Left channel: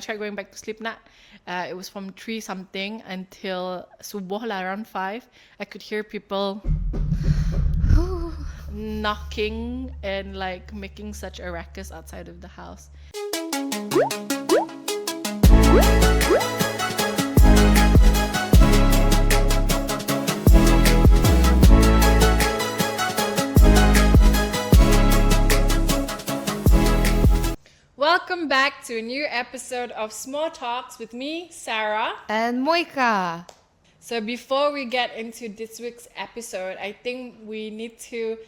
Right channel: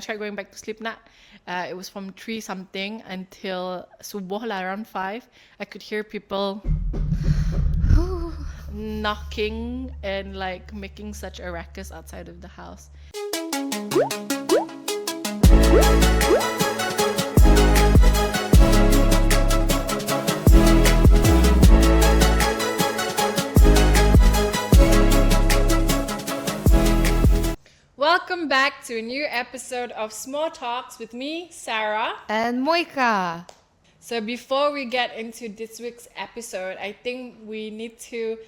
I tried going back to sleep na. It was from 3 something until subuh lah, around 5. I could hear people knocking and like making such a ruckus outside of the house. Welcome back to a new episode of Small Talks with me, Sarah. And Moeka. So before we get into this week's episode, I think we need to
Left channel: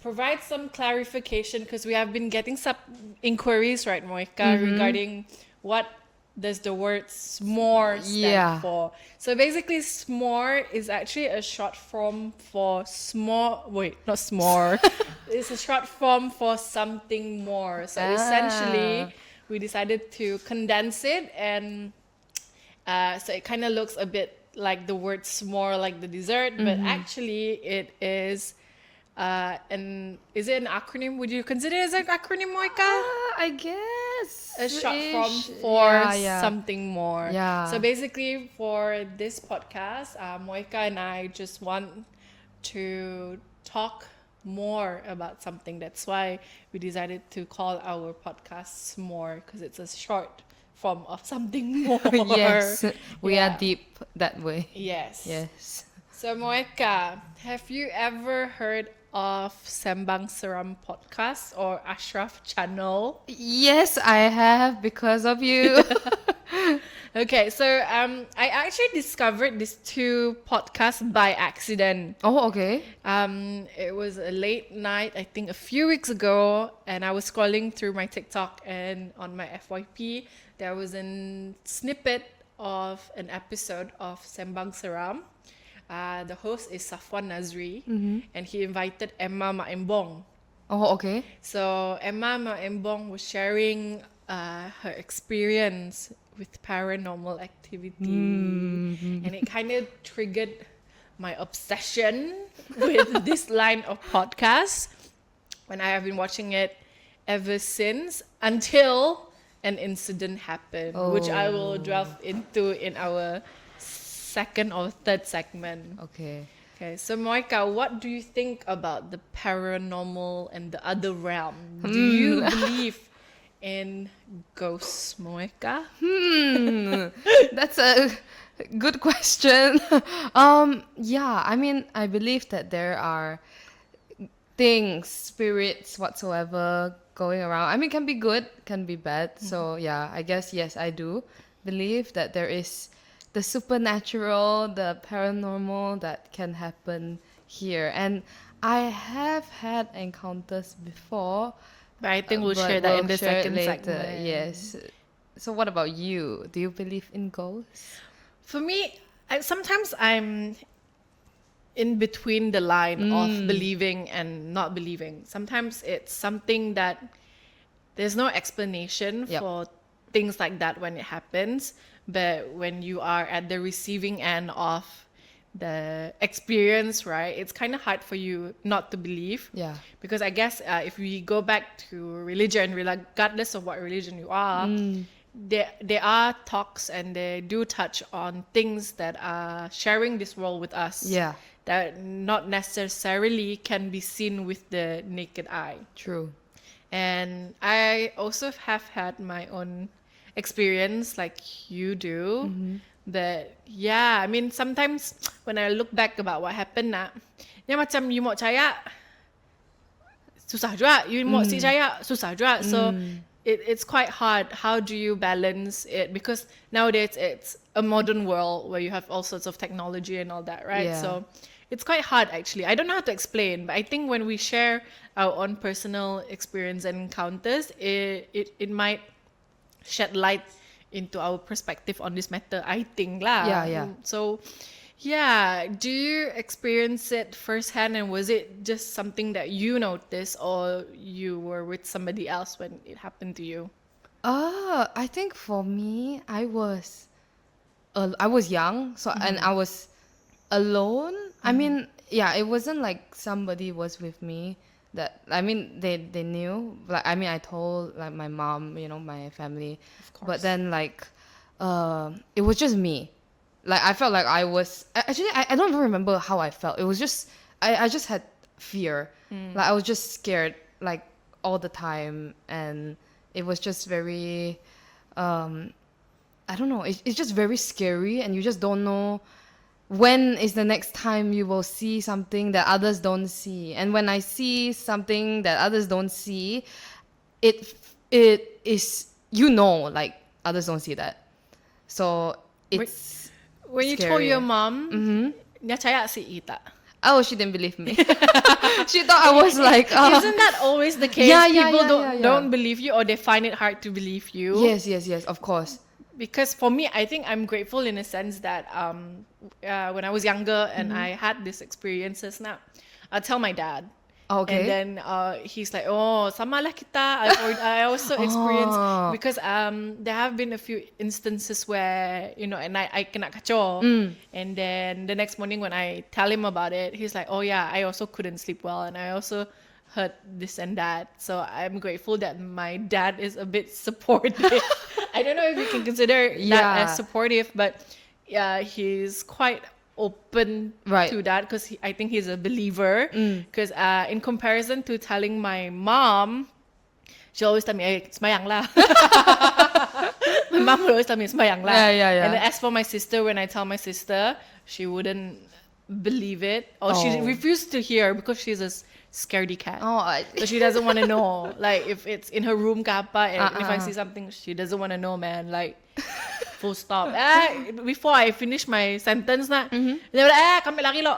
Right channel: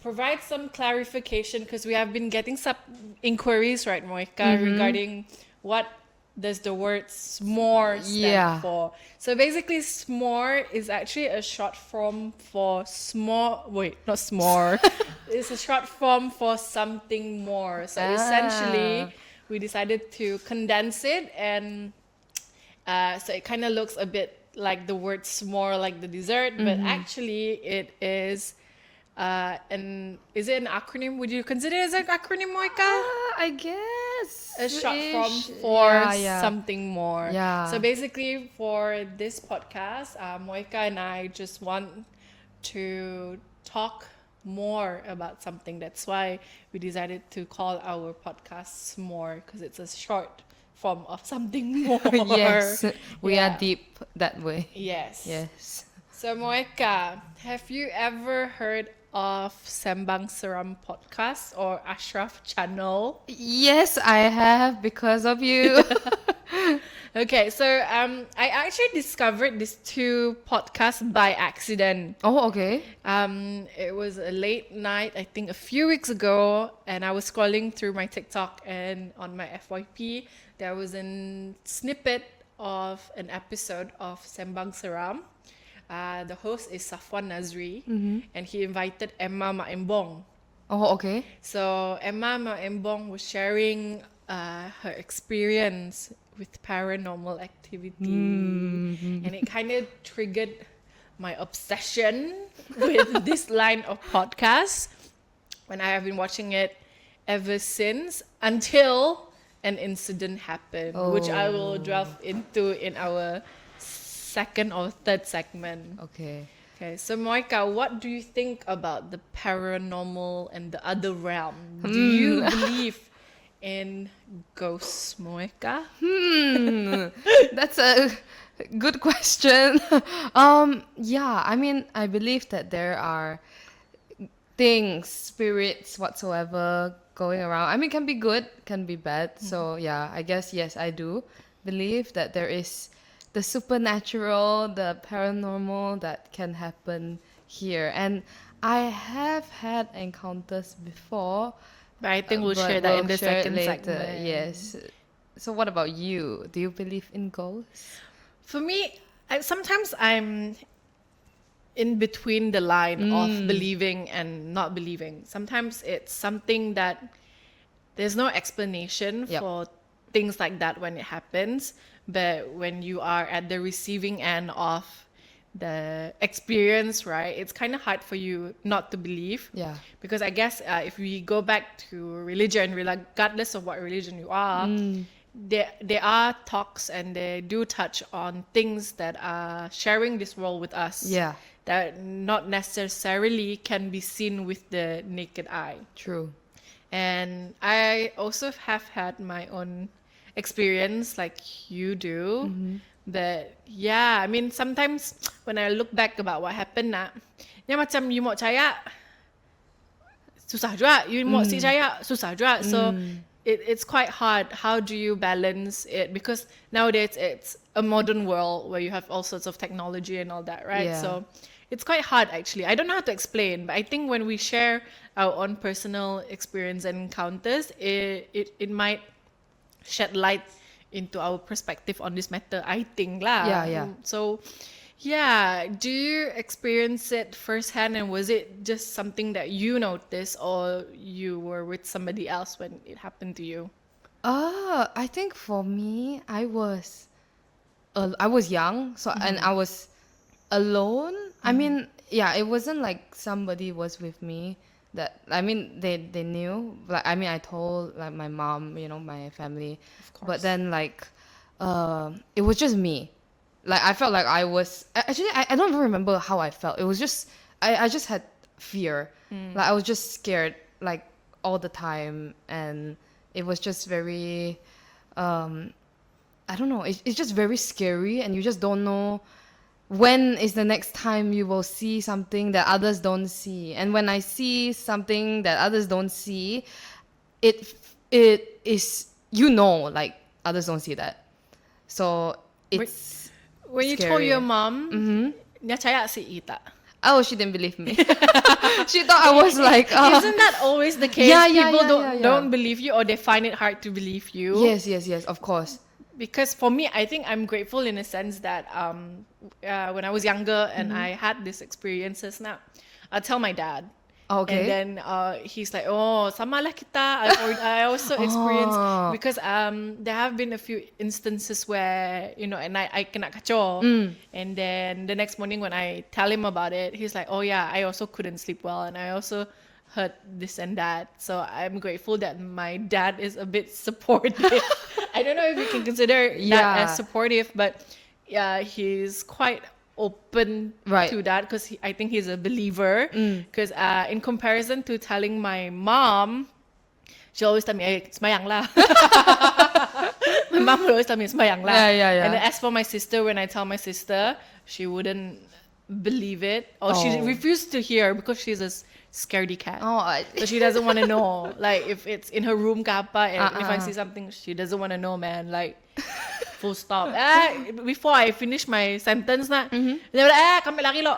provide some clarification because we have been getting some inquiries, right, Moeka, regarding what does the word s'more stand for. So basically, s'more is actually a short form for not s'more. It's a short form for something more. So essentially, we decided to condense it, and so it kind of looks a bit like the word s'more, like the dessert, but actually it is is it an acronym? Would you consider it as an acronym, Moeka? I guess. A short form for something more. Yeah. So basically, for this podcast, Moeka and I just want to talk more about something. That's why we decided to call our podcast S'more, because it's a short form of something more. Yes, we are deep that way. Yes. Yes. So Moeka, have you ever heard of Sembang Seram podcast or Ashraf channel? Yes, I have, because of you. Okay, so I actually discovered these 2 podcasts by accident. Oh, okay. It was a late night, I think a few weeks ago, and I was scrolling through my TikTok, and on my FYP there was a snippet of an episode of Sembang Seram. The host is Safwan Nazri, and he invited Emma Maembong. Oh, okay. So Emma Maembong was sharing her experience with paranormal activity, and it kind of triggered my obsession with this line of podcasts, and I have been watching it ever since, until an incident happened, which I will delve into in our second or third segment. Okay. So Moeka, what do you think about the paranormal and the other realm? Do you believe in ghosts, Moeka? That's a good question. Yeah, I mean, I believe that there are things, spirits, whatsoever going around. I mean, can be good, can be bad. So yeah, I guess yes, I do believe that there is the supernatural, the paranormal that can happen here. And I have had encounters before. But I think we'll share that in the second later. segment. Yes. So what about you? Do you believe in ghosts? For me, sometimes I'm in between the line of believing and not believing. Sometimes it's something that there's no explanation for things like that when it happens. But when you are at the receiving end of the experience, right, it's kind of hard for you not to believe. Yeah. Because I guess if we go back to religion, regardless of what religion you are, there are talks and they do touch on things that are sharing this world with us. Yeah. That not necessarily can be seen with the naked eye. True. And I also have had my own experience like you do. But yeah, I mean, sometimes when I look back about what happened, dia macam you mau percaya susah juga, you mau si percaya susah juga. So it's quite hard. How do you balance it? Because nowadays it's a modern world where you have all sorts of technology and all that, right? Yeah. So it's quite hard actually. I don't know how to explain, but I think when we share our own personal experience and encounters, it might shed light into our perspective on this matter, I think lah. Yeah. So yeah, do you experience it firsthand, and was it just something that you noticed, or you were with somebody else when it happened to you? I think for me, I was young, so and I was alone. I mean, yeah, it wasn't like somebody was with me. that, I mean, they knew. Like, I mean, I told like my mom, my family, but then like, it was just me. Like, I felt like I was actually, I don't even remember how I felt. It was just I just had fear. Like, I was just scared like all the time, and it was just very I don't know, it's just very scary, and you just don't know when is the next time you will see something that others don't see. And when I see something that others don't see, it is, like, others don't see that. So it's when you scary. told your mom, niya caya si Ita. Oh, she didn't believe me. She thought I was like... Isn't that always the case? People don't believe you, or they find it hard to believe you. Yes, of course. Because for me, I think I'm grateful in a sense that when I was younger and I had these experiences, I tell my dad. Okay. And then he's like, oh, sama lah kita. I also experienced, because there have been a few instances where, and I kena kacau. And then the next morning when I tell him about it, he's like, oh yeah, I also couldn't sleep well. And I also heard this and that. So I'm grateful that my dad is a bit supportive. I don't know if you can consider that as supportive, but he's quite open to that, because I think he's a believer. Because in comparison to telling my mom, she always tell me, hey, semayang lah. My mom would always tell me, semayang lah. Yeah. And then as for my sister, when I tell my sister, she wouldn't believe it, or she refused to hear, because she's a scaredy cat. So she doesn't want to know, like, if it's in her room kapa, and if I see something, she doesn't want to know, man. Like, full stop. Before I finish my sentence they were like, kami lagi lo.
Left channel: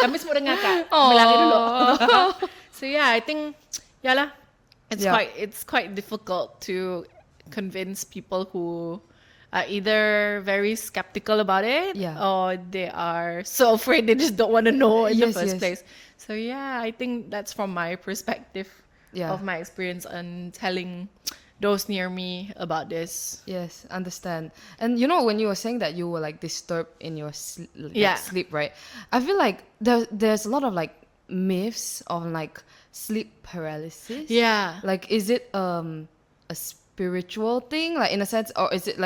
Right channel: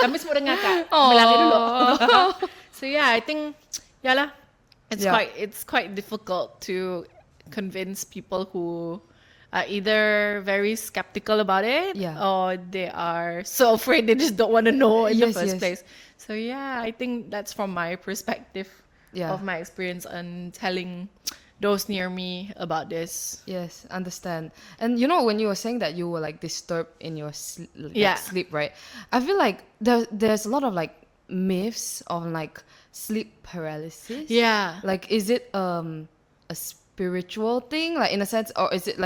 Kami semua dengar ka. Kami lagi dulu. So yeah, I think it's quite difficult to convince people who are either very skeptical about it, or they are so afraid they just don't want to know in the first place. So yeah, I think that's from my perspective of my experience and telling those near me about this. Yes, understand. And when you were saying that you were like disturbed in your sleep, right? I feel like there's a lot of like myths on like sleep paralysis. Yeah. Like, is it a spiritual thing, like in a sense, or is it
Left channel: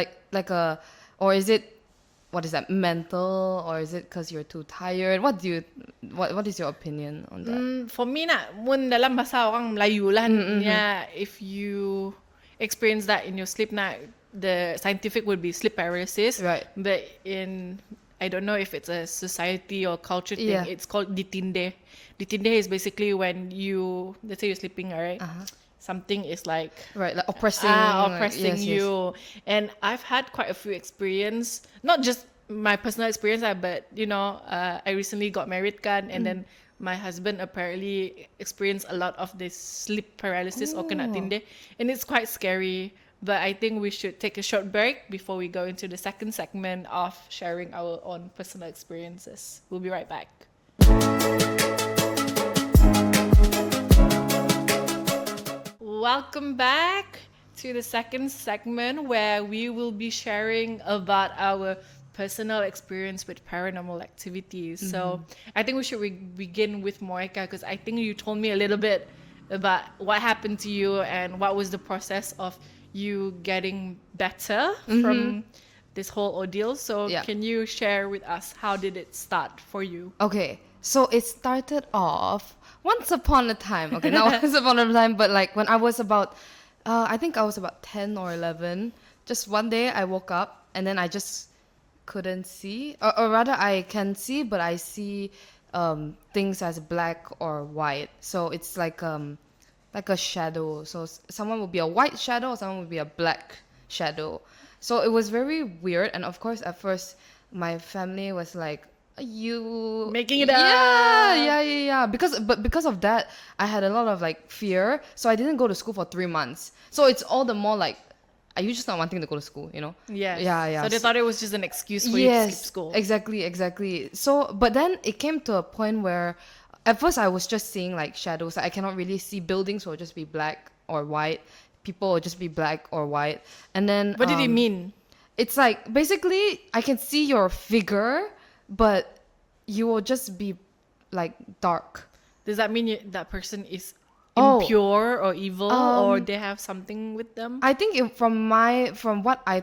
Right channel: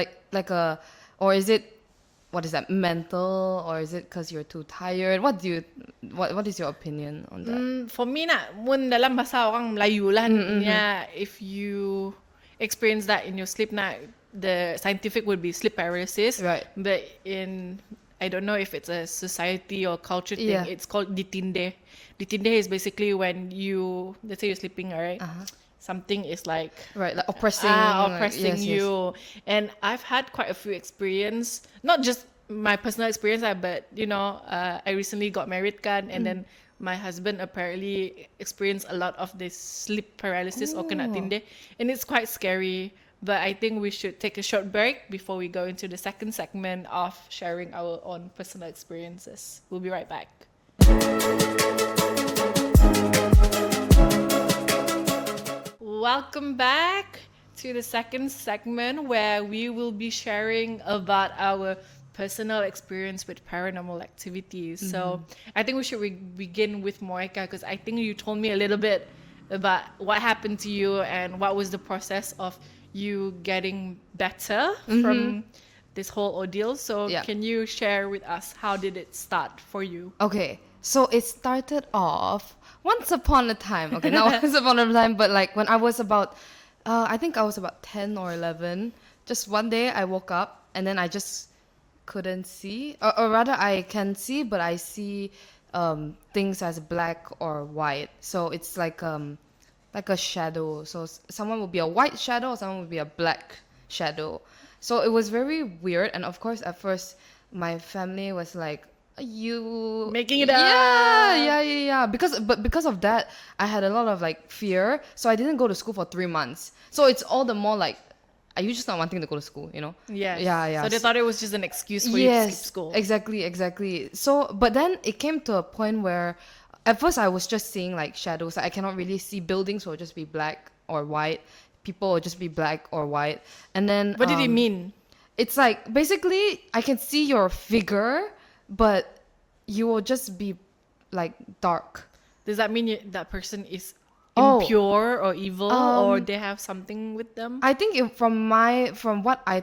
or is it, what is that, mental, or is it because you're too tired? What is your opinion on that? For me mun dalam bahasa orang Melayu lah, if you experience that in your sleep, the scientific would be sleep paralysis, right? But I don't know if it's a society or culture thing, it's called ditinde. Ditinde is basically when let's say you're sleeping, right? Something is like oppressing you. And I've had quite a few experience, not just my personal experience, but I recently got married kan, and then my husband apparently experienced a lot of this sleep paralysis or kena tinde, and it's quite scary. But I think we should take a short break before we go into the second segment of sharing our own personal experiences. We'll be right back. Welcome back to the second segment, where we will be sharing about our personal experience with paranormal activities. So I think we should begin with Moeka, because I think you told me a little bit about what happened to you and what was the process of you getting better from this whole ordeal. So can you share with us, how did it start for you? Okay, so it started off once upon a time. Okay, not once upon a time, but like when I was about, I think I was about 10 or 11. Just one day I woke up and then I just couldn't see, or rather I can see, but I see things as black or white. So it's like a shadow. So someone would be a white shadow, someone would be a black shadow. So it was very weird. And of course, at first, my family was like, you making it up. Yeah. Because of that, I had a lot of like fear. So I didn't go to school for 3 months. So it's all the more like, are you just not wanting to go to school, Yeah. So they thought it was just an excuse for you to skip school. Exactly. So, but then it came to a point where at first I was just seeing like shadows. I cannot really see. Buildings will just be black or white. People will just be black or white. And then what did it mean? It's like, basically I can see your figure, but you will just be like dark. Does that mean that person is impure or evil, or Um, they have something with them? I think from what I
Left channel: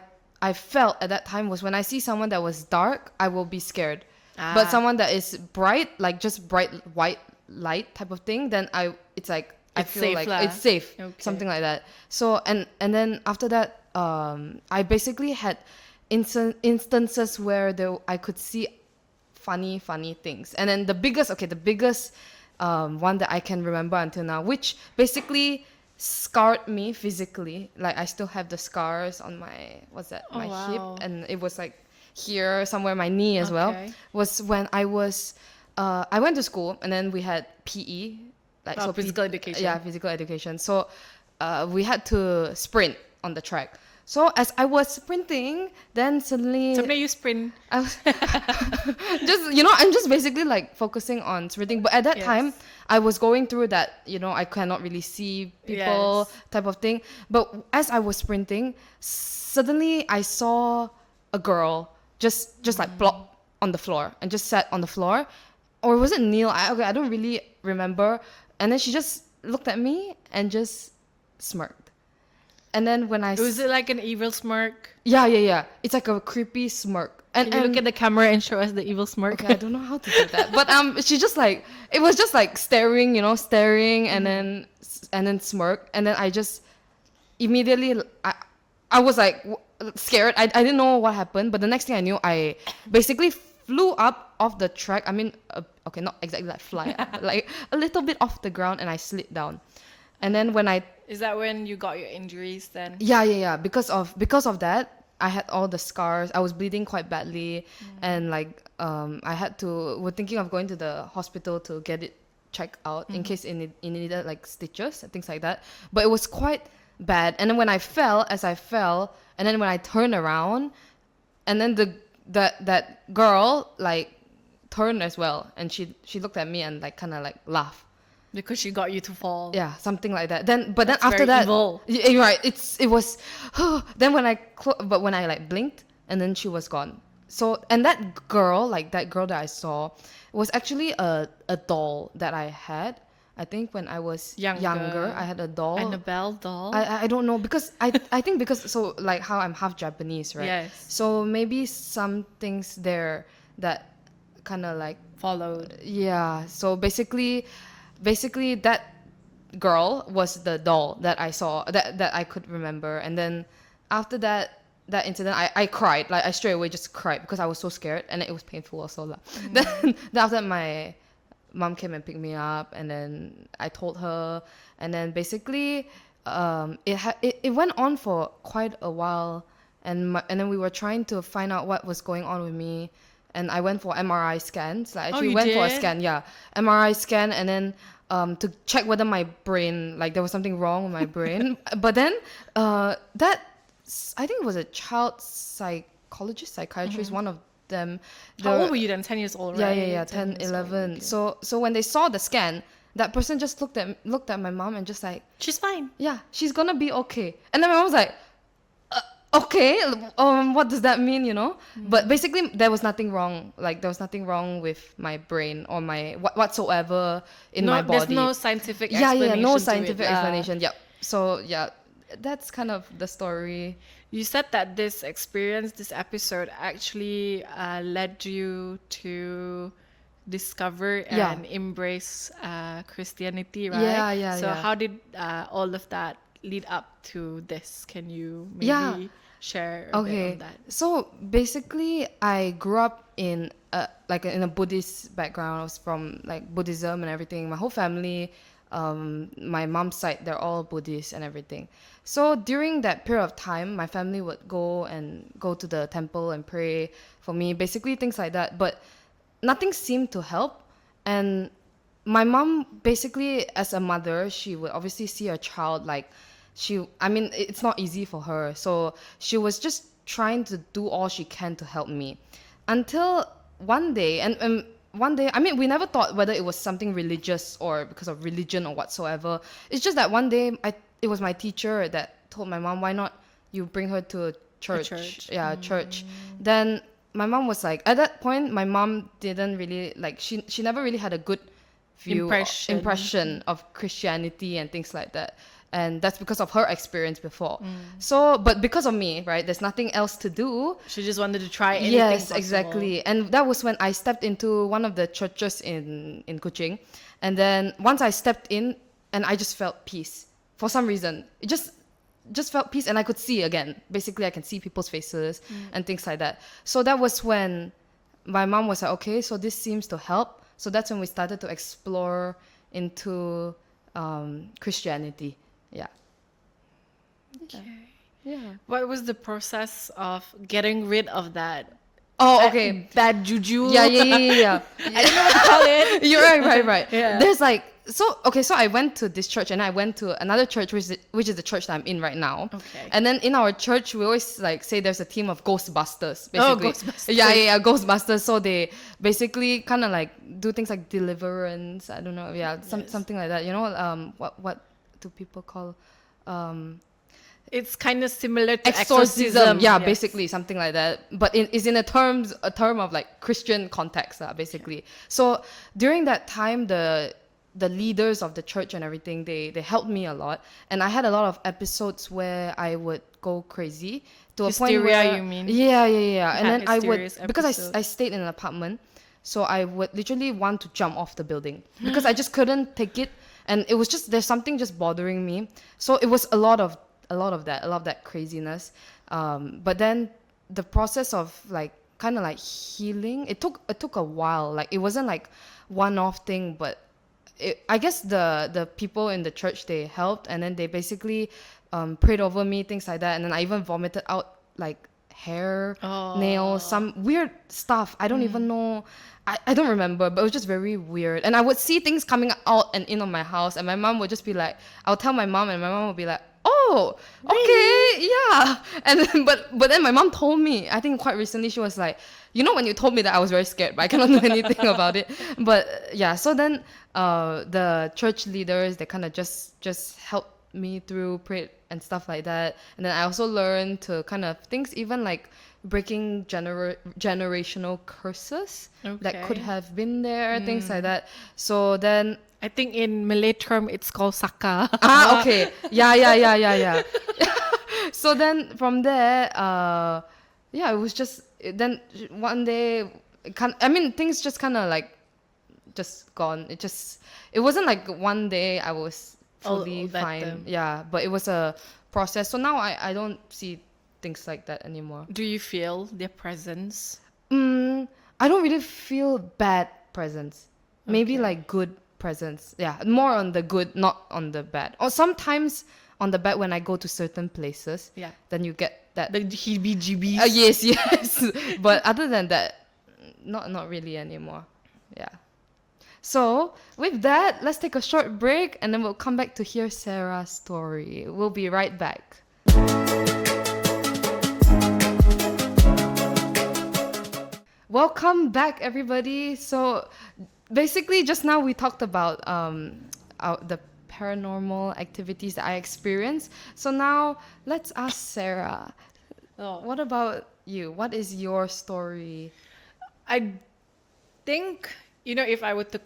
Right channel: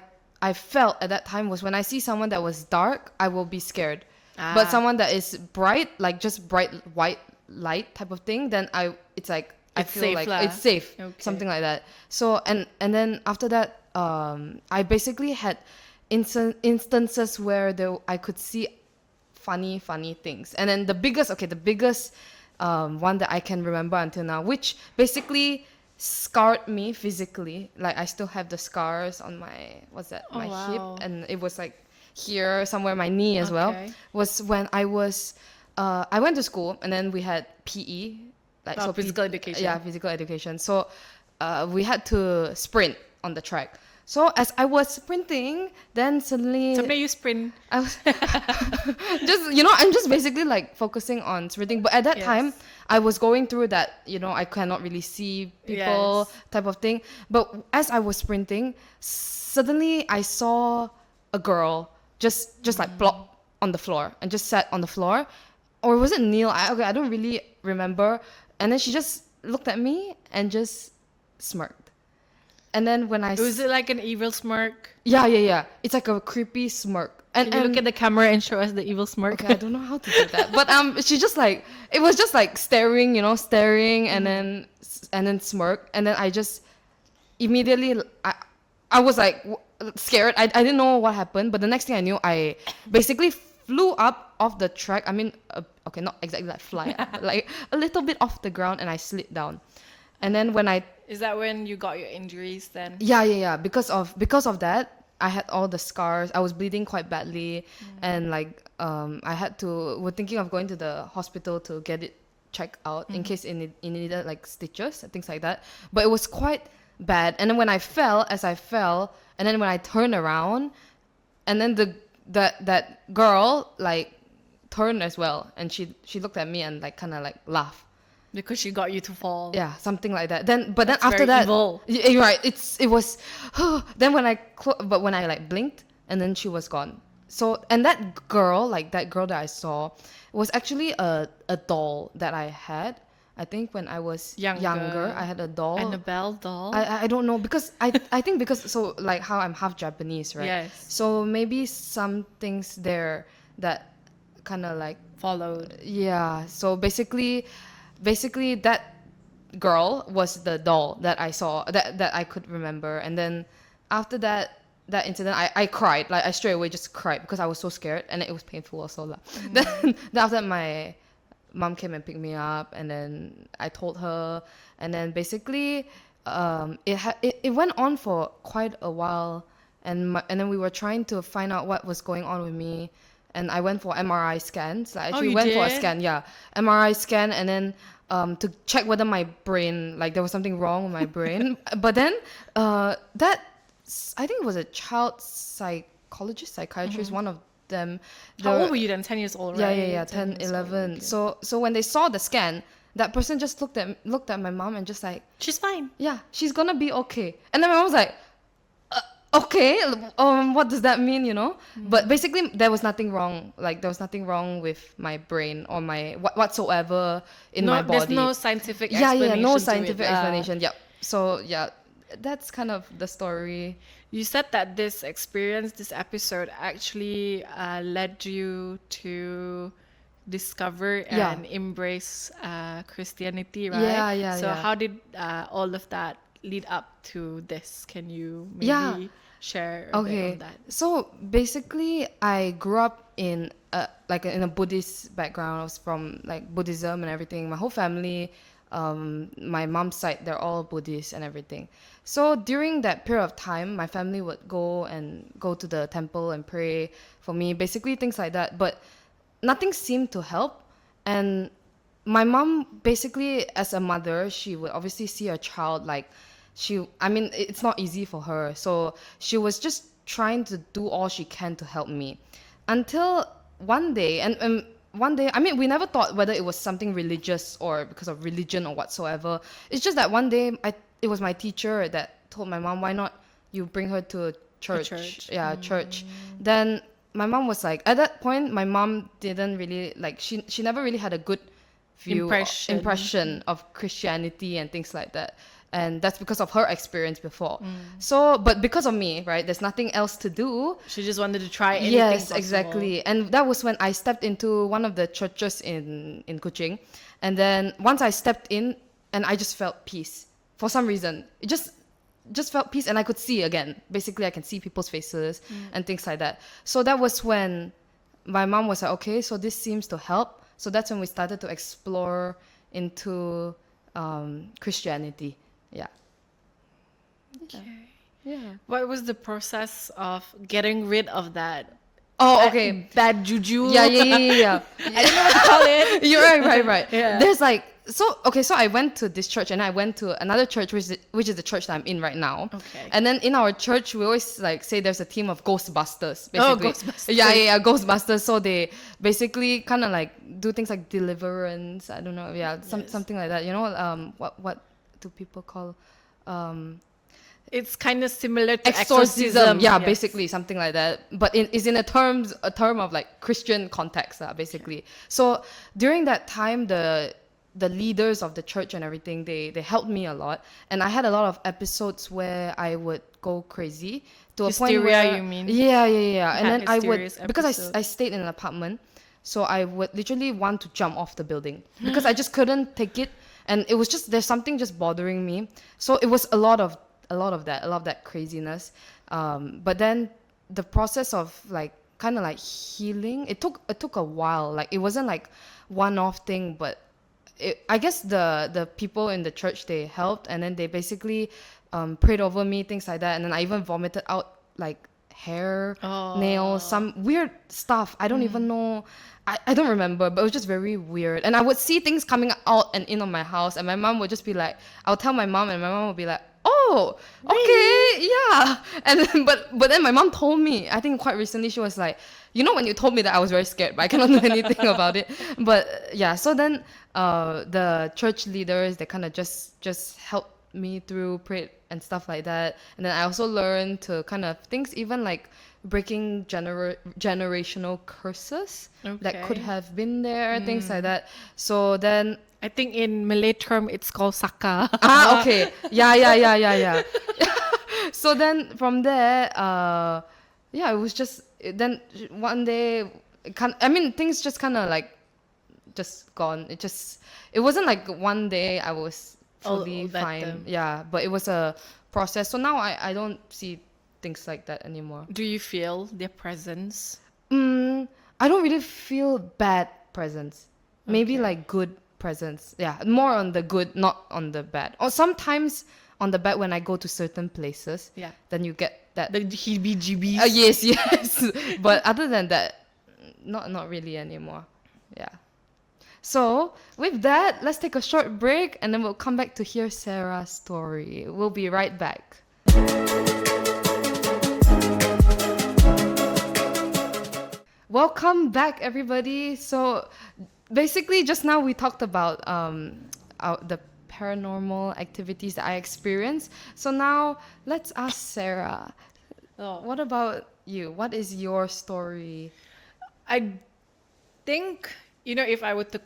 felt at that time was when I see someone that was dark, I will be scared. But Ah, someone that is bright, like just bright white light type of thing, then it's like I It's feel safe like lah. it's safe, Okay. something like that. So and then after that, I basically had instances where I could see funny things, and then the biggest one that I can remember until now, which basically scarred me physically. Like I still have the scars on my hip, wow. and it was like here somewhere my knee as well. Okay. Was when I went to school, and then we had PE, like Physical education. Yeah, physical education. So we had to sprint on the track. So as I was sprinting, then suddenly Sampai you sprint. I was I'm just basically like focusing on sprinting. But at that time, I was going through that, I cannot really see people type of thing. But as I was sprinting, suddenly I saw a girl just like plop on the floor and just sat on the floor. Or was it Neil? I don't really remember. And then she just looked at me and just smirked. And then when Was it like an evil smirk? Yeah. It's like a creepy smirk. Can you look at the camera and show us the evil smirk? Okay, I don't know how to do that. But she just like, it was just like staring, and then smirk. And then I just immediately, I was like scared. I didn't know what happened. But the next thing I knew, I basically flew up off the track. I mean, okay, not exactly like fly up, but like a little bit off the ground, and I slid down. And then when Is that when you got your injuries then? Yeah. Because of that, I had all the scars. I was bleeding quite badly, and like we're thinking of going to the hospital to get it checked out in case it needed like stitches and things like that. But it was quite bad. And then when I fell, and then when I turned around, and then that girl like turned as well, and she looked at me and like kind of like laughed. Because she got you to fall. Yeah, something like that. Then after very that, evil. You're right. It was. Then when I like blinked, and then she was gone. So and that girl that I saw, was actually a doll that I had. I think when I was younger I had a doll. Annabelle doll. I don't know, because I think because so like how I'm half Japanese, right? Yes. So maybe some things there that kind of like Followed. Yeah. So basically that girl was the doll that I saw, that I could remember. And then after that incident, I cried. Like I straight away just cried because I was so scared, and it was painful also. Then after that, my mom came and picked me up, and then I told her, and then basically it went on for quite a while, and then we were trying to find out what was going on with me. And I went for MRI scans. I actually went for a scan, MRI scan, and then to check whether my brain, like there was something wrong with my brain. But then I think it was a child psychiatrist, one of them. How old were you then? 10 years old, right? Yeah, 10, 11. Okay. So when they saw the scan, that person just looked at my mom and just like, she's fine. Yeah, she's gonna be okay. And then my mom was like, okay, what does that mean, But basically there was nothing wrong. Like there was nothing wrong with my brain or my whatsoever in my body. There's no scientific explanation. No scientific explanation. Yeah. So yeah, that's kind of the story. You said that this episode actually led you to discover and embrace Christianity, right? Yeah. So how did all of that lead up to this? Can you maybe share a bit on that? So basically, I grew up in a Buddhist background. I was from like Buddhism and everything. My whole family, my mom's side, they're all Buddhist and everything. So during that period of time, my family would go to the temple and pray for me, basically things like that. But nothing seemed to help. And my mom, basically as a mother, she would obviously see her child like it's not easy for her. So she was just trying to do all she can to help me. Until one day, and one day, we never thought whether it was something religious or because of religion or whatsoever. It's just that one day, it was my teacher that told my mom, why not you bring her to a church? Yeah, church. Then my mom was like, at that point, my mom didn't really, like, she never really had a good impression of Christianity and things like that. And that's because of her experience before. So, but because of me, right, there's nothing else to do. She just wanted to try anything Yes, possible. exactly. And that was when I stepped into one of the churches in Kuching. And then once I stepped in, and I just felt peace. For some reason, it just felt peace, and I could see again. Basically, I can see people's faces and things like that. So that was when my mom was like, okay, so this seems to help. So that's when we started to explore into Christianity. Yeah. Yeah. What was the process of getting rid of that Oh, okay. bad juju? Yeah. I don't know what to call it. You're right. Yeah. There's like, so I went to this church and I went to another church, which is the church that I'm in right now. Okay. And then in our church, we always like say there's a team of Ghostbusters, basically. Oh, Ghostbusters. Yeah, Ghostbusters. So they basically kind of like do things like deliverance. I don't know. Yeah, something like that. You know, what do people call, It's kind of similar to exorcism. Yeah, I guess. basically something like that. But it's in a term of like Christian context, basically. So during that time, the leaders of the church and everything, they helped me a lot, and I had a lot of episodes where I would go crazy to Hysteria, a point where you mean? Yeah. And then I would, mysterious because episode. I stayed in an apartment, so I would literally want to jump off the building because I just couldn't take it, and it was just, there's something just bothering me. So it was a lot of that craziness, but then the process of like kind of like healing, it took a while. Like it wasn't like one-off thing, but I guess the people in the church, they helped, and then they basically prayed over me, things like that, and then I even vomited out like hair, nails, some weird stuff. I don't even know. I don't remember, but it was just very weird. And I would see things coming out and in on my house, and my mom would just be like, I'll tell my mom, and my mom would be like, oh, okay, yeah. And then, but then my mom told me, I think quite recently, she was like, you know, when you told me that, I was very scared, but I cannot do anything about it. But yeah, so then the church leaders, they kind of just helped me through, prayed and stuff like that. And then I also learned to kind of things, even like breaking generational curses that could have been there, things like that. So then I think in Malay term it's called saka. okay. Yeah. So then from there, yeah, it was just, then one day, things just kind of like just gone. It wasn't like one day I was fully fine. Yeah, but it was a process. So now I don't see things like that anymore. Do you feel their presence? I don't really feel bad presence. Maybe like good presence. Yeah, more on the good, not on the bad. Or sometimes on the bad when I go to certain places. Yeah. Then you get that. The heebie-jeebies? Yes. But other than that, not really anymore. Yeah. So with that, let's take a short break, and then we'll come back to hear Sarah's story. We'll be right back. Welcome back, everybody. So basically, just now we talked about the paranormal activities that I experienced. So now let's ask Sarah. What about you? What is your story? I think, if I were to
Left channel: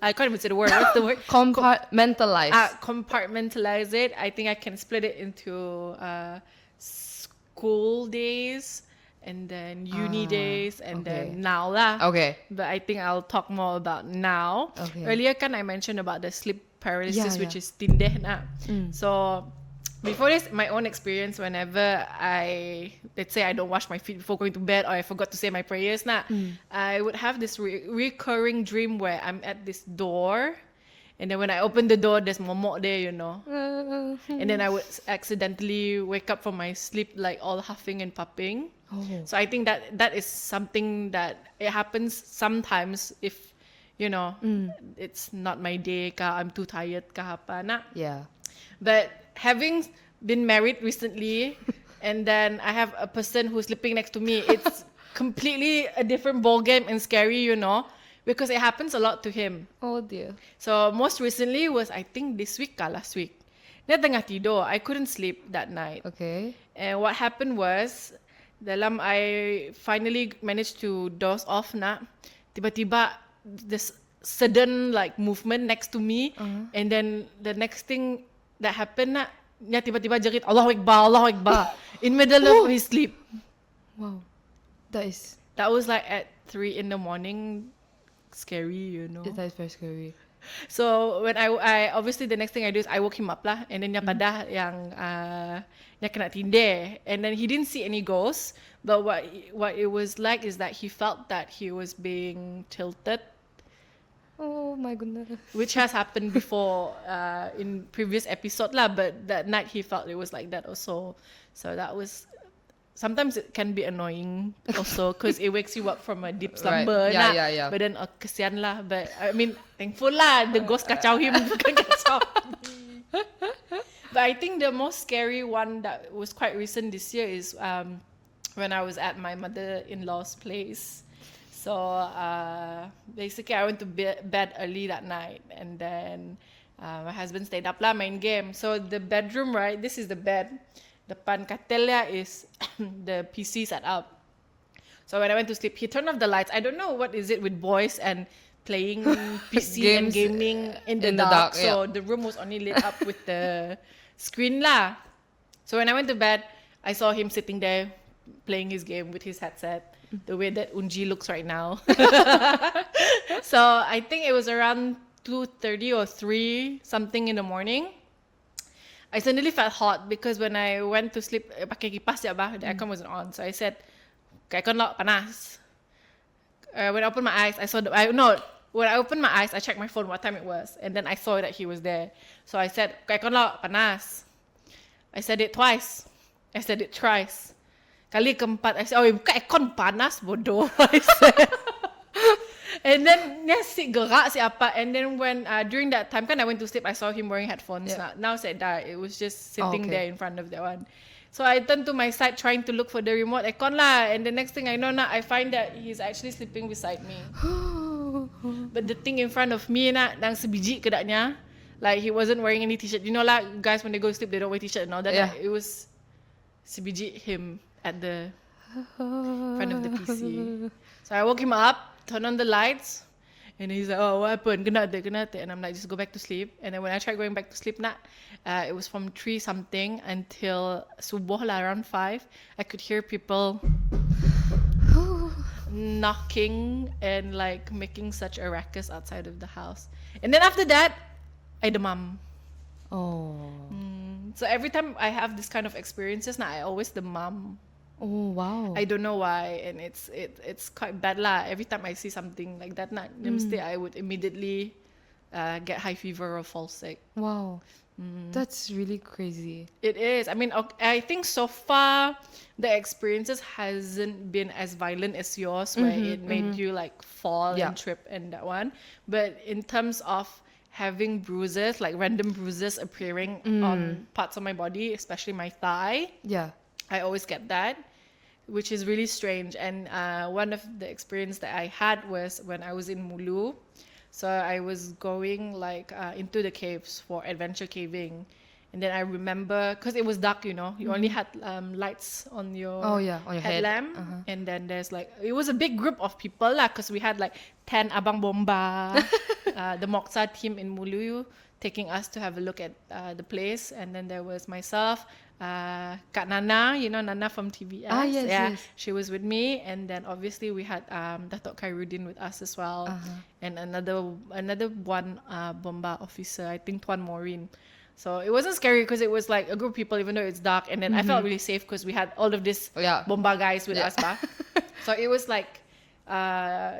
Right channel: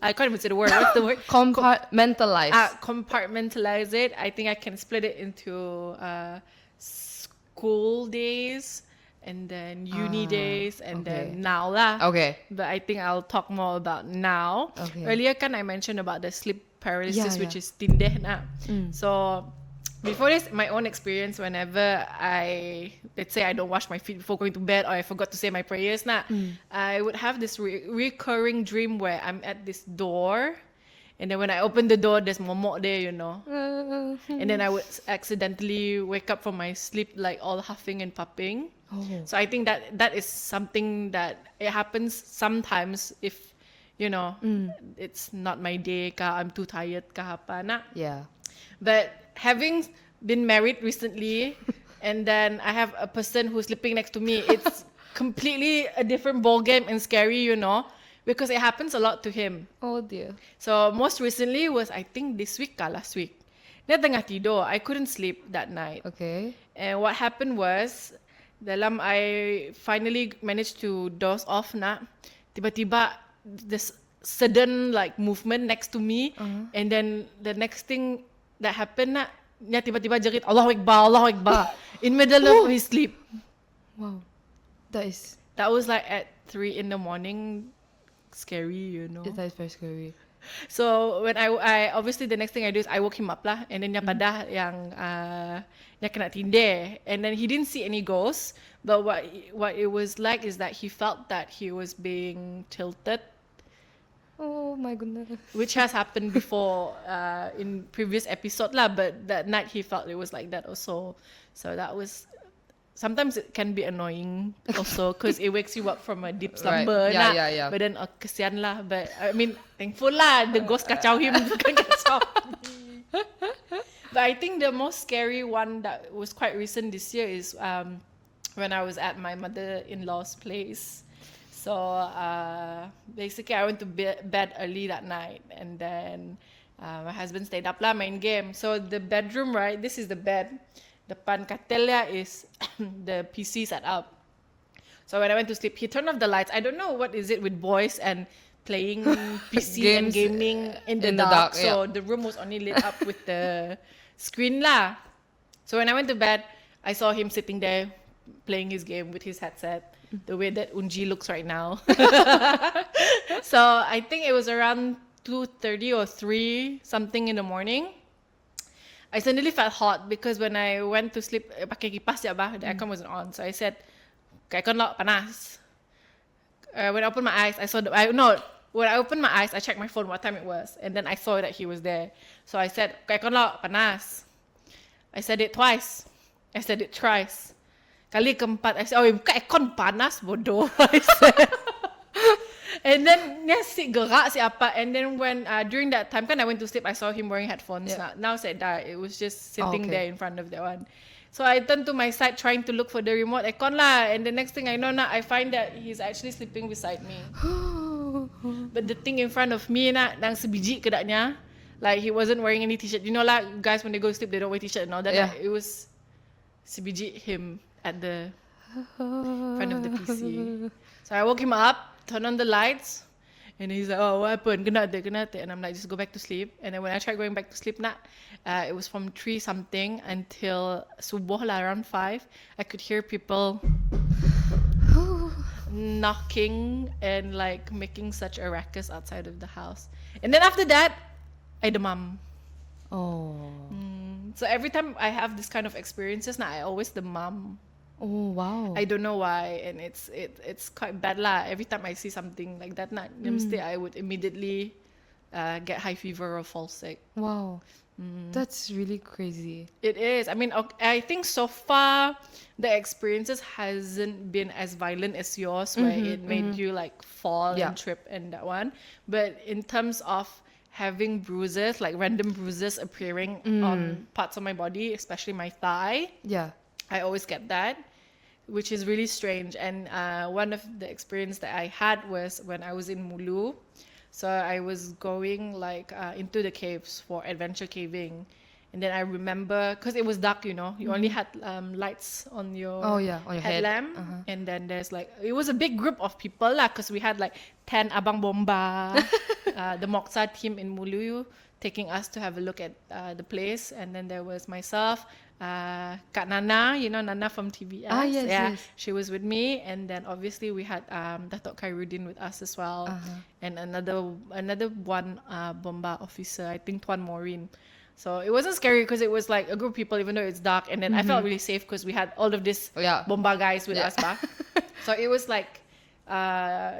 I can't even say the word. What's the word? Compartmentalize. Compartmentalize it. I think I can split it into school days, and then uni days, and then now lah. Okay. But I think I'll talk more about now. Okay. Earlier kan I mentioned about the sleep paralysis, Yeah. which is tindeh na. So before this, my own experience, whenever let's say I don't wash my feet before going to bed, or I forgot to say my prayers na, I would have this recurring dream where I'm at this door, and then when I open the door, there's momok there, and then I would accidentally wake up from my sleep like all huffing and puffing. So I think that is something that it happens sometimes if it's not my day ka, I'm too tired ka apa na. Yeah. But having been married recently, and then I have a person who's sleeping next to me, it's completely a different ball game and scary, because it happens a lot to him. Oh dear. So most recently was, I think, this week ka last week. Na tengah tidur, I couldn't sleep that night. Okay. And what happened was, I finally managed to doze off na, tiba-tiba this sudden like movement next to me, and then the next thing that happened na, niya tiba-tiba jerit Allahu Akbar in middle of his sleep. Wow. That was like at 3 in the morning. Scary, you know. That is very scary. So when I obviously the next thing I do is I woke him up lah, and then niya padah yang niya kena tindih, and then he didn't see any ghosts, but what it was like is that he felt that he was being tilted, Oh my goodness. which has happened before in previous episode lah, but that night he felt it was like that also. So that was, sometimes it can be annoying also because it wakes you up from a deep slumber. Right. Nah. Yeah. But then kesian lah. But I mean, thankful lah. The ghost kacau him. Bukan kacau. But I think the most scary one that was quite recent this year is when I was at my mother-in-law's place. So basically I went to bed early that night, and then my husband stayed up lah main game. So the bedroom, right, this is the bed. Depan katilnya is the PC set up. So when I went to sleep, he turned off the lights. I don't know what is it with boys and playing PC and gaming in the dark. So the room was only lit up with the screen lah. So when I went to bed, I saw him sitting there playing his game with his headset, the way that Unji looks right now. So I think it was around 2:30 or 3 something in the morning. I suddenly felt hot because when I went to sleep, pakai kipas ya bah, the aircon wasn't on. So I said, aircon lo panas. When I opened my eyes, when I opened my eyes, I checked my phone what time it was, and then I saw that he was there. So I said, aircon lo panas. I said it twice. I said it thrice. Kali keempat, I said, oh, buka aircon panas, bodoh. I said. And then si gerak siapa. And then when during that time kan I went to sleep, I saw him wearing headphones. Yeah. Now said that it was just sitting there in front of that one. So I turned to my side trying to look for the remote aircon lah. And the next thing I know na, I find that he's actually sleeping beside me. But the thing in front of me na, nang sebiji kedaknya, like he wasn't wearing any t-shirt. You know lah, guys when they go to sleep they don't wear t-shirt and all that. Yeah. It was sebiji him at the front of the PC. So I woke him up, turned on the lights, and he's like, oh, what happened? Kenapa? And I'm like, just go back to sleep. And then when I tried going back to sleep, it was from 3 something until subuh lah, around 5. I could hear people knocking and like making such a ruckus outside of the house. And then after that, I demam. Oh. So every time I have this kind of experiences, I always demam. Oh wow. I don't know why, and it's quite bad lah. Every time I see something like that, I would immediately get high fever or fall sick. Wow. That's really crazy. It is. I mean, I think so far the experiences hasn't been as violent as yours, where it made you like fall and trip and that one. But in terms of having bruises, like random bruises appearing on parts of my body, especially my thigh, I always get that, which is really strange. And one of the experience that I had was when I was in Mulu. So I was going like into the caves for adventure caving. And then I remember, because it was dark, you know, you only had lights on your on your headlamp. head. And then there's like, it was a big group of people lah, because we had like 10 Abang Bomba, the Moeka team in Mulu, taking us to have a look at the place. And then there was myself, Kak Nana, you know Nana from TBS. Yes. She was with me, and then obviously we had Datuk Khairuddin with us as well, and another one Bomba officer, I think Tuan Maureen. So it wasn't scary because it was like a group of people, even though it's dark, and then I felt really safe because we had all of these Bomba guys with us. So it was like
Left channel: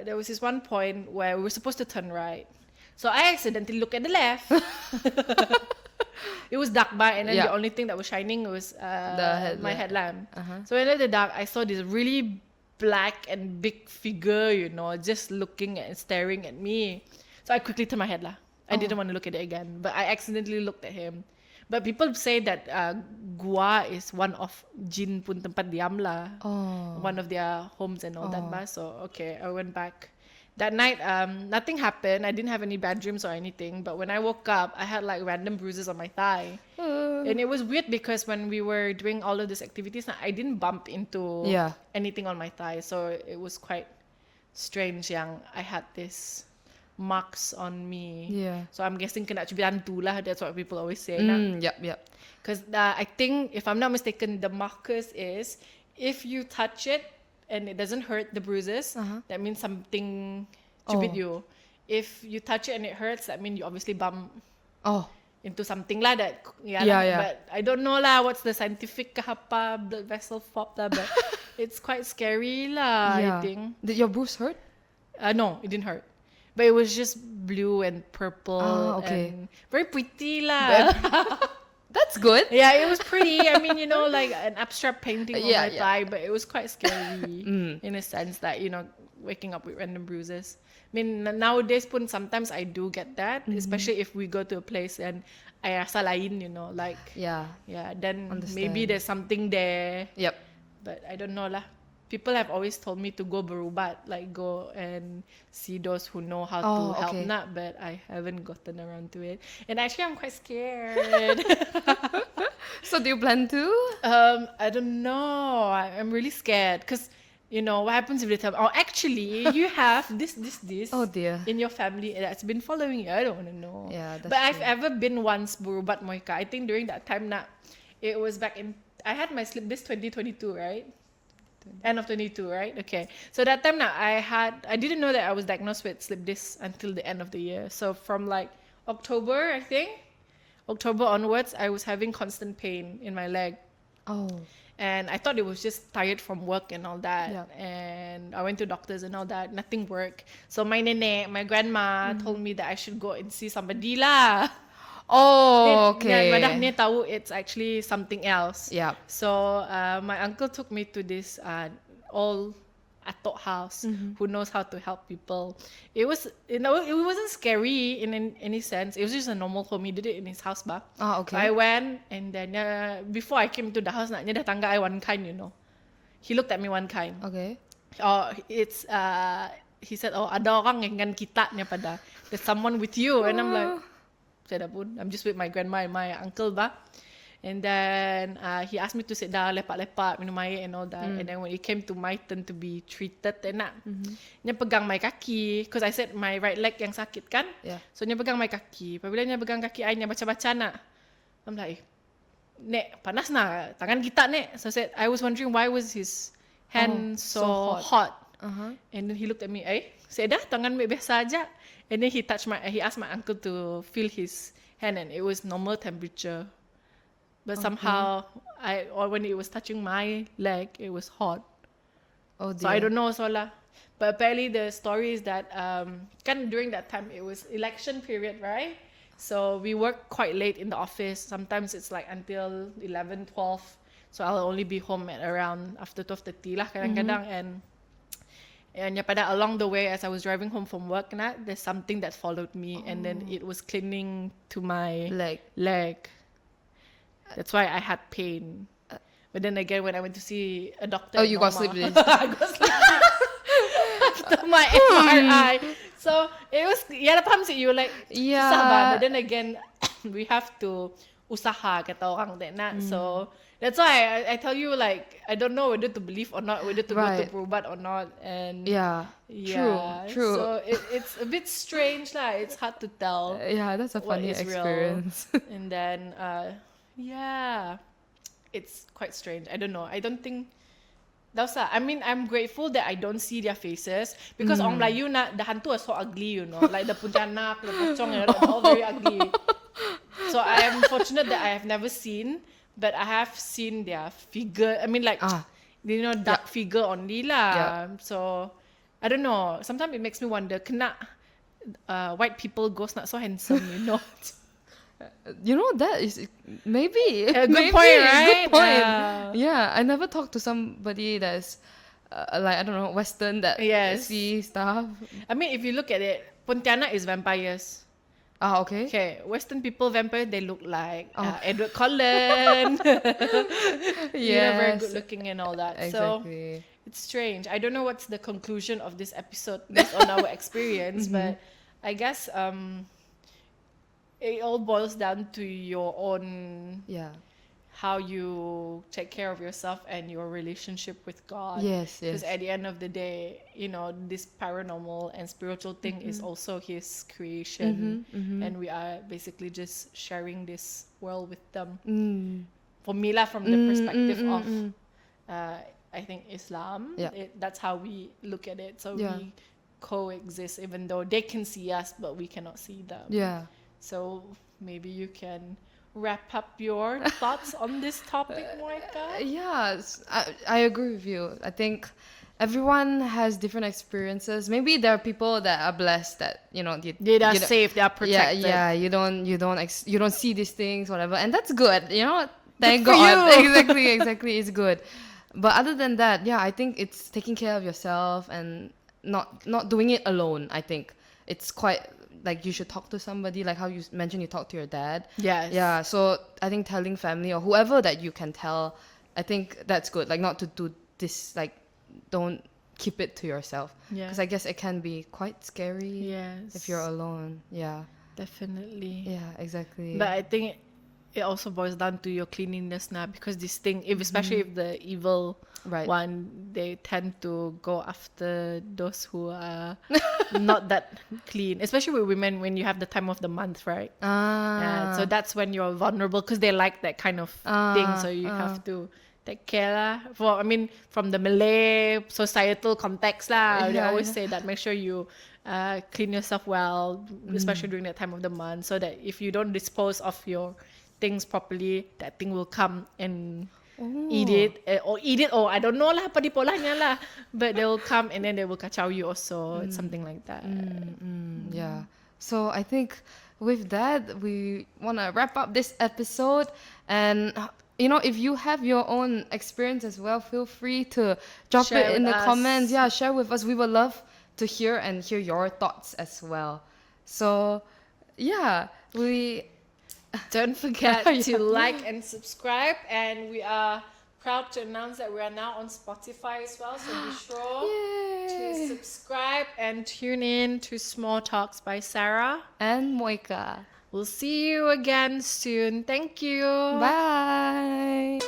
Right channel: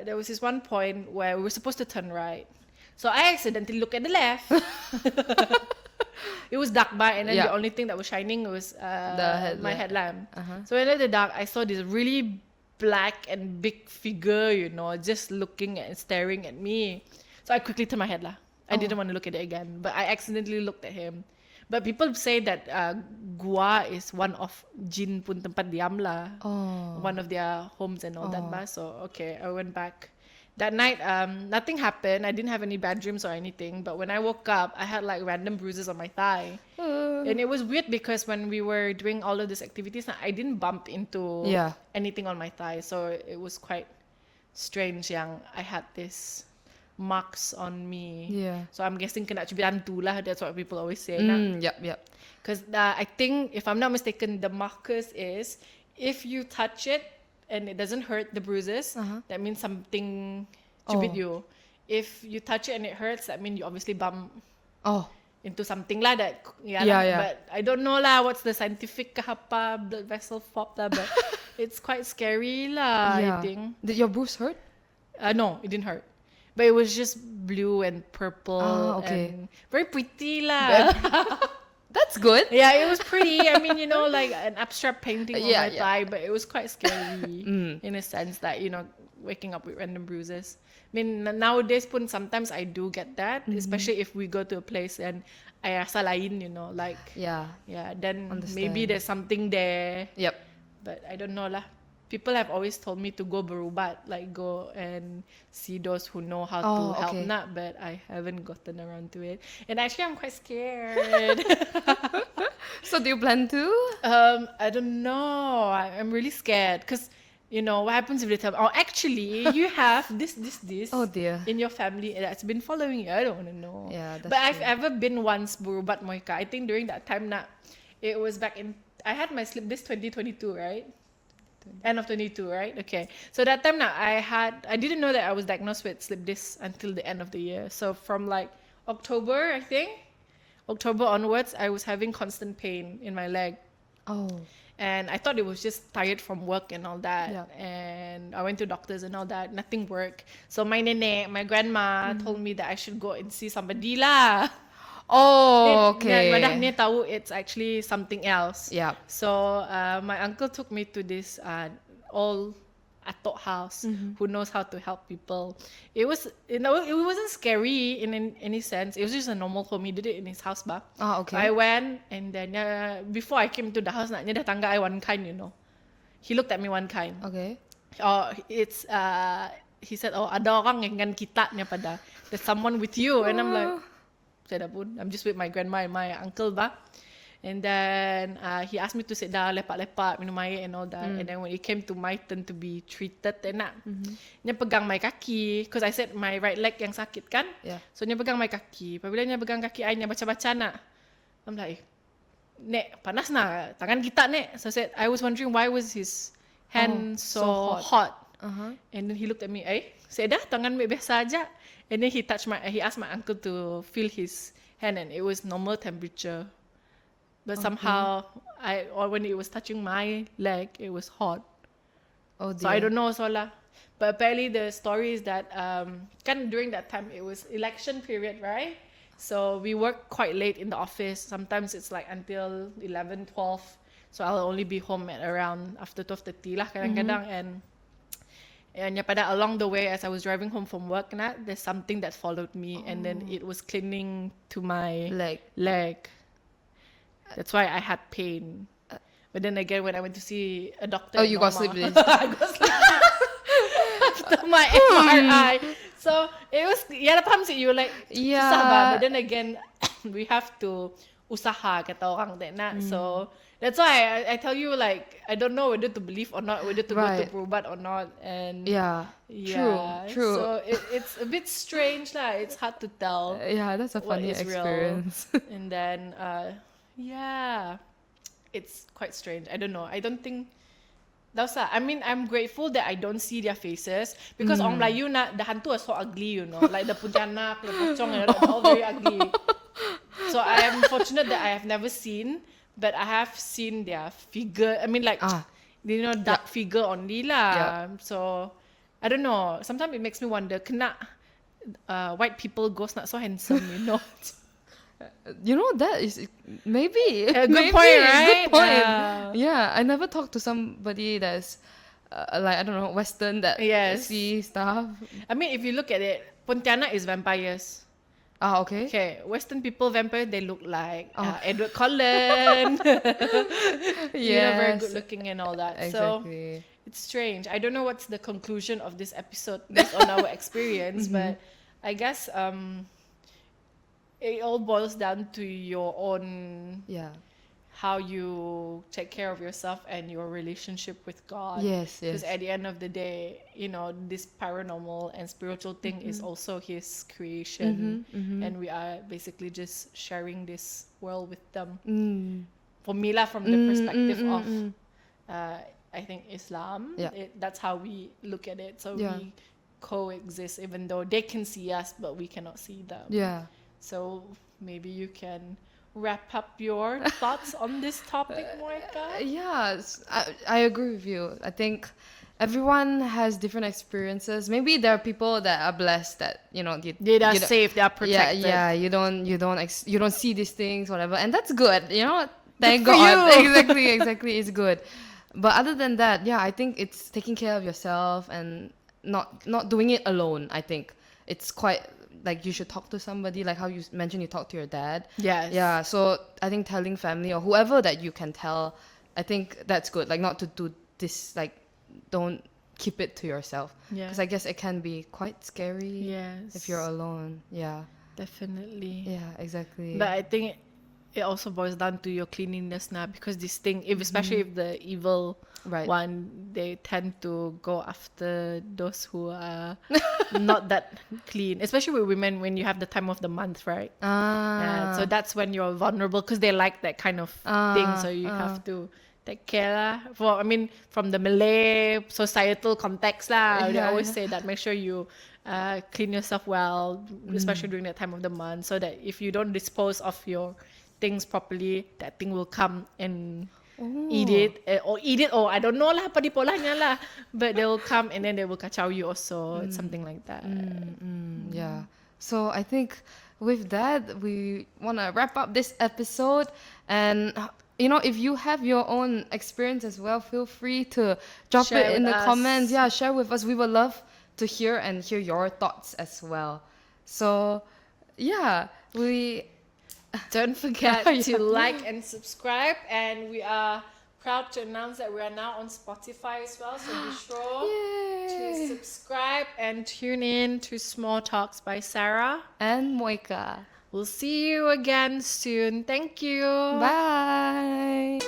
there was this one point where we were supposed to turn right, so I accidentally looked at the left. It was dark and then the only thing that was shining was my headlamp. So when I looked at the dark, I saw this really black and big figure, you know, just looking and staring at me. So I quickly turned my head lah. I didn't want to look at it again, but I accidentally looked at him. But people say that gua is one of jin pun tempat diam lah, one of their homes and all that lah. So okay, I went back. That night, nothing happened. I didn't have any bad dreams or anything. But when I woke up, I had like random bruises on my thigh. And it was weird because when we were doing all of these activities, I didn't bump into anything on my thigh. So it was quite strange. I had this marks on me. Yeah. So I'm guessing kena cubit hantu lah. That's what people always say. Yep. Because I think, if I'm not mistaken, the markers is if you touch it and it doesn't hurt the bruises, that means something cubit you. If you touch it and it hurts, that means you obviously bump into something lah. That Yeah. But I don't know lah what's the scientific kahapa blood vessel fop lah. But it's quite scary lah. I think. Did your bruise hurt? No, it didn't hurt. But it was just blue and purple. Okay. And very pretty lah. That's good. Yeah, it was pretty. I mean, like an abstract painting on my thigh, but it was quite scary in a sense that, waking up with random bruises. I mean, nowadays pun sometimes I do get that, especially if we go to a place and I rasa lain, like... Yeah, then understand. Maybe there's something there. Yep. But I don't know lah. People have always told me to go berubat, like go and see those who know how to help not, but I haven't gotten around to it. And actually, I'm quite scared. So do you plan to? I don't know. I'm really scared because, what happens if they tell me, actually, you have this Oh dear. in your family that's been following you. I don't want to know. Yeah, that's but I've true. ever been once berubat Moeka. I think during that time, it was back in, I had my slip disc 2022, right? End of 22, right? Okay. So that time I didn't know that I was diagnosed with slip disc until the end of the year. So from like October onwards, I was having constant pain in my leg. Oh. And I thought it was just tired from work and all that. Yeah. And I went to doctors and all that. Nothing worked. So my grandma told me that I should go and see somebody lah. Oh, okay. Dan dia tahu it's actually something else. Yeah. So my uncle took me to this old atok house who knows how to help people. It was, it wasn't scary in any sense. It was just a normal home. He did it in his house back. Okay. I went and then before I came to the house, dia dah tangga I one kind, He looked at me one kind. Okay. It's he said, ada orang dengan kita ni pada. There's someone with you, and I'm like, I'm just with my grandma and my uncle ba. And then he asked me to sit down, lepak-lepak, minum air and all that. And then when it came to my turn to be treated, dia pegang my kaki. Because I said my right leg yang sakit kan. Yeah. So dia pegang my kaki. Apabila dia pegang kaki, I baca-baca nak. I'm like, Nek, panas na, tangan kita Nek. So I said, I was wondering why was his hand so hot. And then he looked at me, saya dah tangan biasa aja. And then he asked my uncle to feel his hand, and it was normal temperature. But somehow, when it was touching my leg, it was hot. Oh dear. So I don't know, But apparently the story is that, during that time, it was election period, right? So we work quite late in the office. Sometimes it's like until 11, 12. So I'll only be home at around after 12:30 lah kadang-kadang. And pada along the way, as I was driving home from work, there's something that followed me, and then it was clinging to my leg. That's why I had pain. But then again, when I went to see a doctor, you got sleep disc. I got sleep disc after my MRI. So it was, paham sih, you like, susah ba? But then again, we have to usaha kata orang So that's why I tell you, like, I don't know whether to believe or not, whether to go to berubat or not. And true. So it's a bit strange lah. It's hard to tell. Yeah, that's a funny experience. And then it's quite strange. I don't know. I don't think I mean, I'm grateful that I don't see their faces, because orang Melayu the hantu are so ugly, like the puntianak, the pocong, they're all very ugly. So I am fortunate that I have never seen, but I have seen their figure. I mean, like, dark figure only lah. Yeah. So I don't know. Sometimes it makes me wonder, kena white people ghost not so handsome, That is maybe a good point, right? Good point. Yeah, I never talked to somebody that's like, I don't know, Western that see stuff. I mean, if you look at it, Pontianak is vampires. Okay. Okay, Western people vampire, they look like Edward Cullen. Very good looking and all that. Exactly. So it's strange. I don't know what's the conclusion of this episode based on our experience, but I guess it all boils down to your own how you take care of yourself and your relationship with God. Yes, Because yes. at the end of the day, you know, this paranormal and spiritual thing is also His creation, and we are basically just sharing this world with them. For me, lah, from the perspective of, I think Islam, Yeah. that's how we look at it. So Yeah. we coexist, even though they can see us, but we cannot see them. Yeah. So maybe you can wrap up your thoughts on this topic, Moeka. Yes, I agree with you. I think everyone has different experiences. Maybe there are people that are blessed that you are safe, they are protected. Yeah. You don't see these things, whatever, and that's good. Thank Good for God. you. Exactly, it's good. But other than that, yeah, I think it's taking care of yourself and not doing it alone. I think it's quite like you should talk to somebody, like how you mentioned you talk to your dad. Yes. Yeah, so I think telling family or whoever that you can tell, I think that's good. Like not to do this, like don't keep it to yourself. Yeah. Because I guess it can be quite scary Yes. if you're alone. Yeah. Definitely. Yeah, exactly. But I think it also boils down to your cleanliness now, because this thing, especially if the evil Right. one, they tend to go after those who are not that clean, especially with women when you have the time of the month, right? So that's when you're vulnerable, because they like that kind of thing, so you have to take care lah. From the Malay societal context lah, they Yeah, always say that make sure you clean yourself well, especially during that time of the month, so that if you don't dispose of your things properly, that thing will come and eat it, or I don't know lah, padipolanya lah, but they will come and then they will kacau you also. It's something like that. Yeah. So I think with that, we want to wrap up this episode. And, if you have your own experience as well, feel free to drop Share it in with the us. comments. Yeah, share with us. We would love to hear your thoughts as well. So, yeah, Don't forget Yeah. to like and subscribe, and we are proud to announce that we are now on Spotify as well, so be sure to subscribe and tune in to Small Talks by Sarah. And Moeka. We'll see you again soon. Thank you. Bye.